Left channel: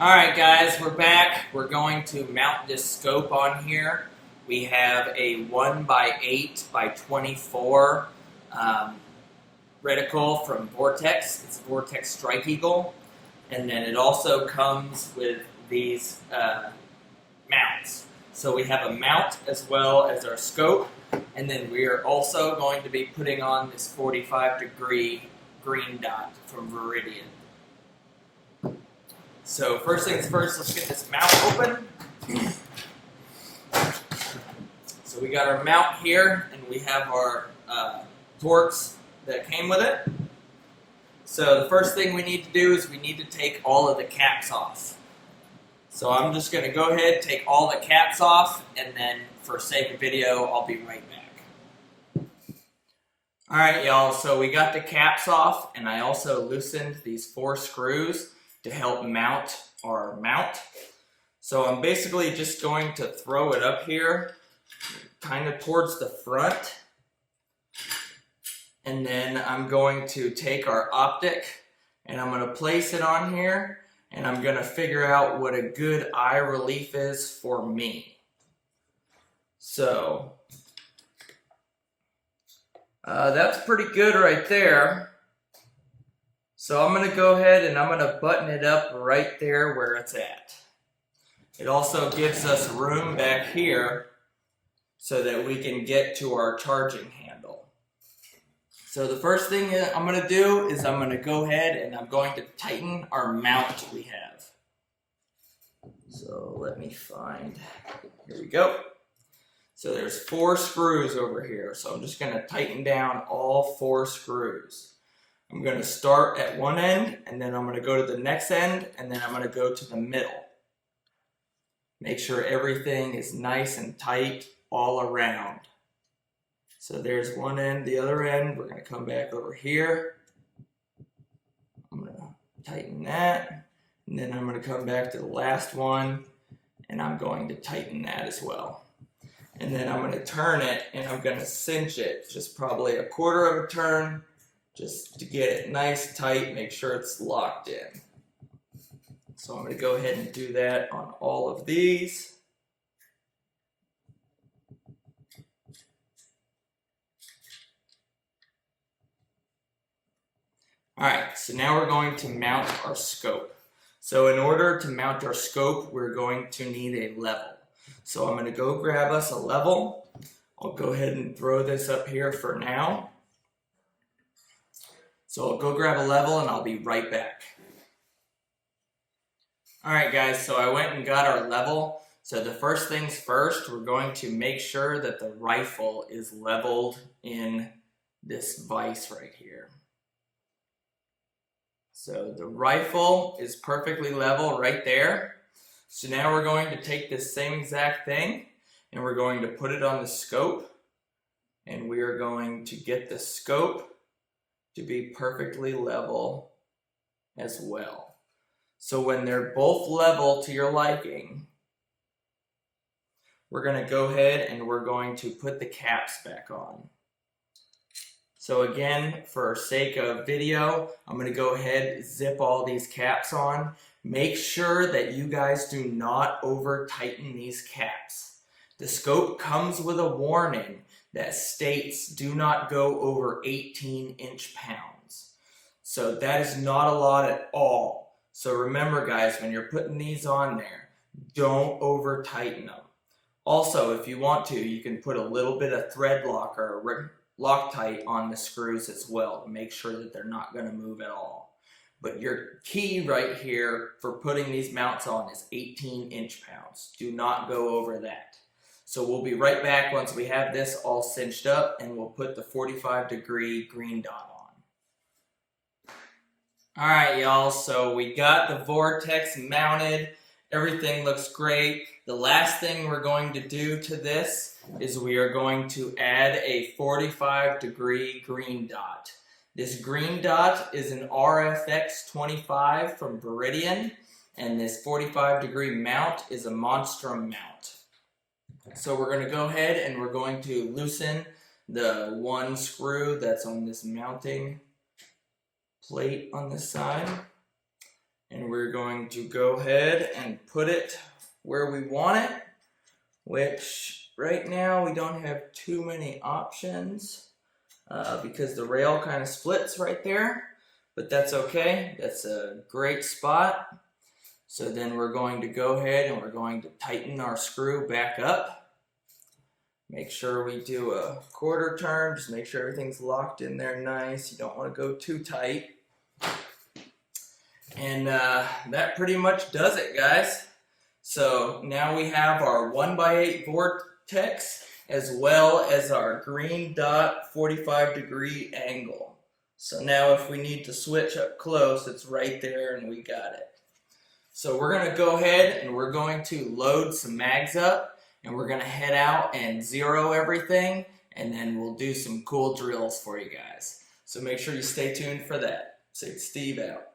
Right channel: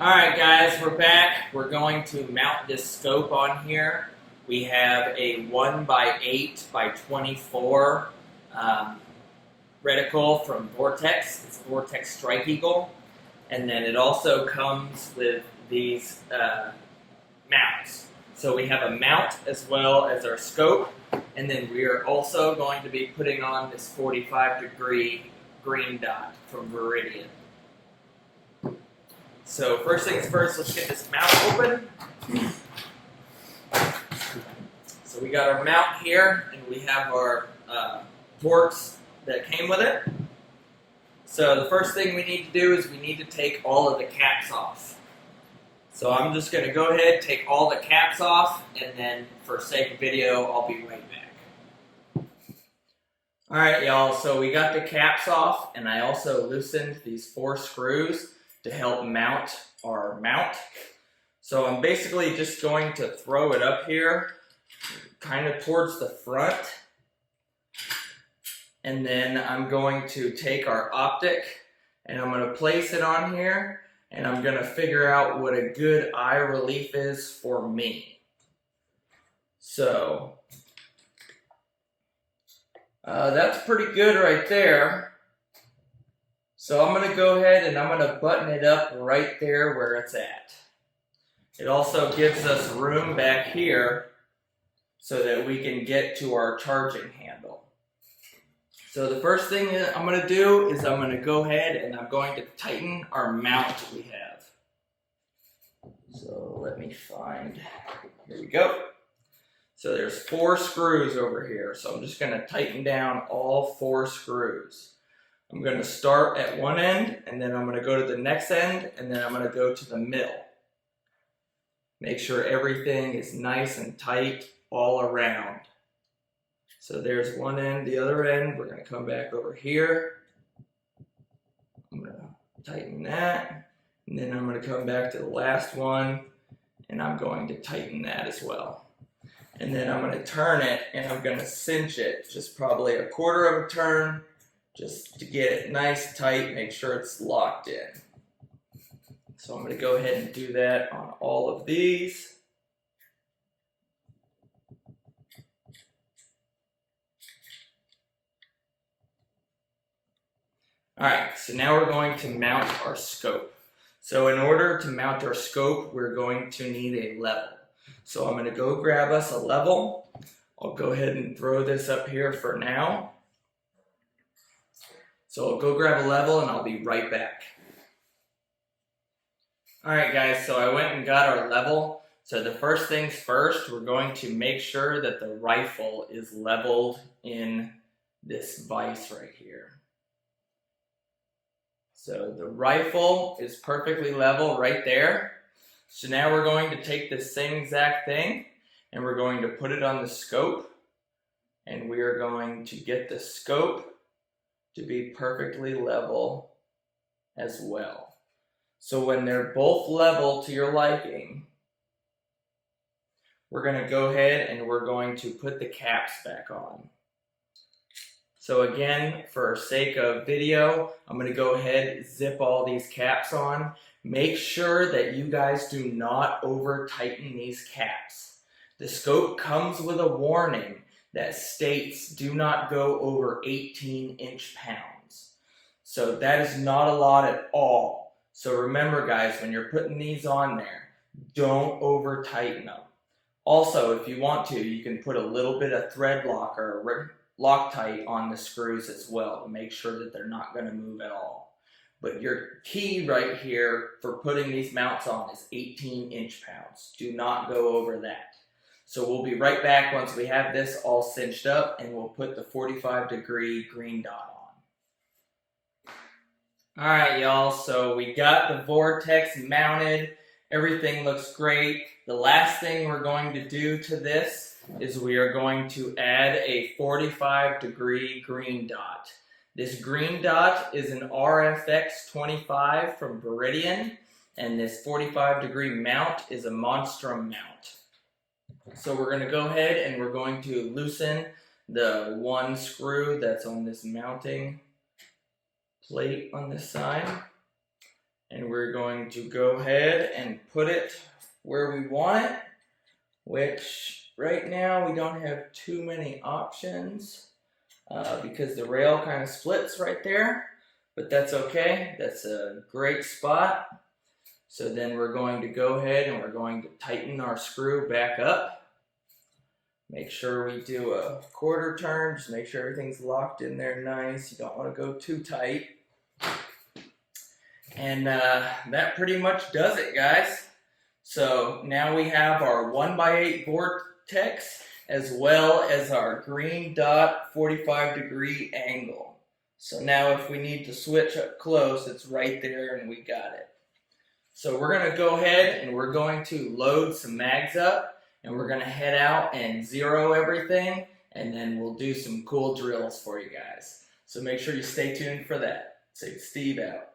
Alright guys, we're back. We're going to mount this scope on here. We have a 1x8x24 reticle from Vortex. It's Vortex Strike Eagle. And then it also comes with these mounts. So we have a mount as well as our scope. And then we are also going to be putting on this 45-degree green dot from Veridian. So first things first, let's get this mount open. So we got our mount here, and we have our Torx that came with it. So the first thing we need to do is we need to take all of the caps off. So I'm just going to go ahead, take all the caps off, and then for sake of video, I'll be right back. Alright y'all, so we got the caps off, and I also loosened these 4 screws to help mount our mount. So I'm basically just going to throw it up here, kind of towards the front. And then I'm going to take our Optic, and I'm going to place it on here, and I'm going to figure out what a good eye relief is for me. So, that's pretty good right there. So I'm going to go ahead and I'm going to button it up right there where it's at. It also gives us room back here so that we can get to our charging handle. So the first thing that I'm going to do is I'm going to go ahead and I'm going to tighten our mount we have. So let me find, here we go. So there's 4 screws over here. So I'm just going to tighten down all 4 screws. I'm going to start at one end, and then I'm going to go to the next end, and then I'm going to go to the middle. Make sure everything is nice and tight all around. So there's one end, the other end. We're going to come back over here. I'm going to tighten that, and then I'm going to come back to the last one, and I'm going to tighten that as well. And then I'm going to turn it, and I'm going to cinch it, just probably a quarter of a turn, just to get it nice, tight, make sure it's locked in. So I'm going to go ahead and do that on all of these. Alright, so now we're going to mount our scope. So in order to mount our scope, we're going to need a level. So I'm going to go grab us a level. I'll go ahead and throw this up here for now. So I'll go grab a level and I'll be right back. Alright guys, so I went and got our level. So the first things first, we're going to make sure that the rifle is leveled in this vise right here. So the rifle is perfectly level right there. So now we're going to take this same exact thing and we're going to put it on the scope. And we are going to get the scope to be perfectly level as well. So when they're both level to your liking, we're going to go ahead and we're going to put the caps back on. So again, for sake of video, I'm going to go ahead and zip all these caps on. Make sure that you guys do not over tighten these caps. The scope comes with a warning that states do not go over 18 inch-pounds. So that is not a lot at all. So remember guys, when you're putting these on there, don't over tighten them. Also, if you want to, you can put a little bit of thread lock or Loctite on the screws as well to make sure that they're not going to move at all. But your key right here for putting these mounts on is 18 inch-pounds. Do not go over that. So we'll be right back once we have this all cinched up and we'll put the 45-degree green dot on. Alright y'all, so we got the Vortex mounted. Everything looks great. The last thing we're going to do to this is we are going to add a 45-degree green dot. This green dot is an RFX 25 from Veridian, and this 45-degree mount is a Monstrum mount. So we're going to go ahead and we're going to loosen the one screw that's on this mounting plate on this side. and we're going to go ahead and put it where we want it, which right now we don't have too many options because the rail kind of splits right there, but that's okay. That's a great spot. So then we're going to go ahead and we're going to tighten our screw back up. Make sure we do a quarter turn, just make sure everything's locked in there nice. You don't want to go too tight. And that pretty much does it, guys. So now we have our 1x8 Vortex as well as our green dot 45-degree angle. So now if we need to switch up close, it's right there and we got it. So we're going to go ahead and we're going to load some mags up and we're going to head out and zero everything, and then we'll do some cool drills for you guys. So make sure you stay tuned for that. Steve out.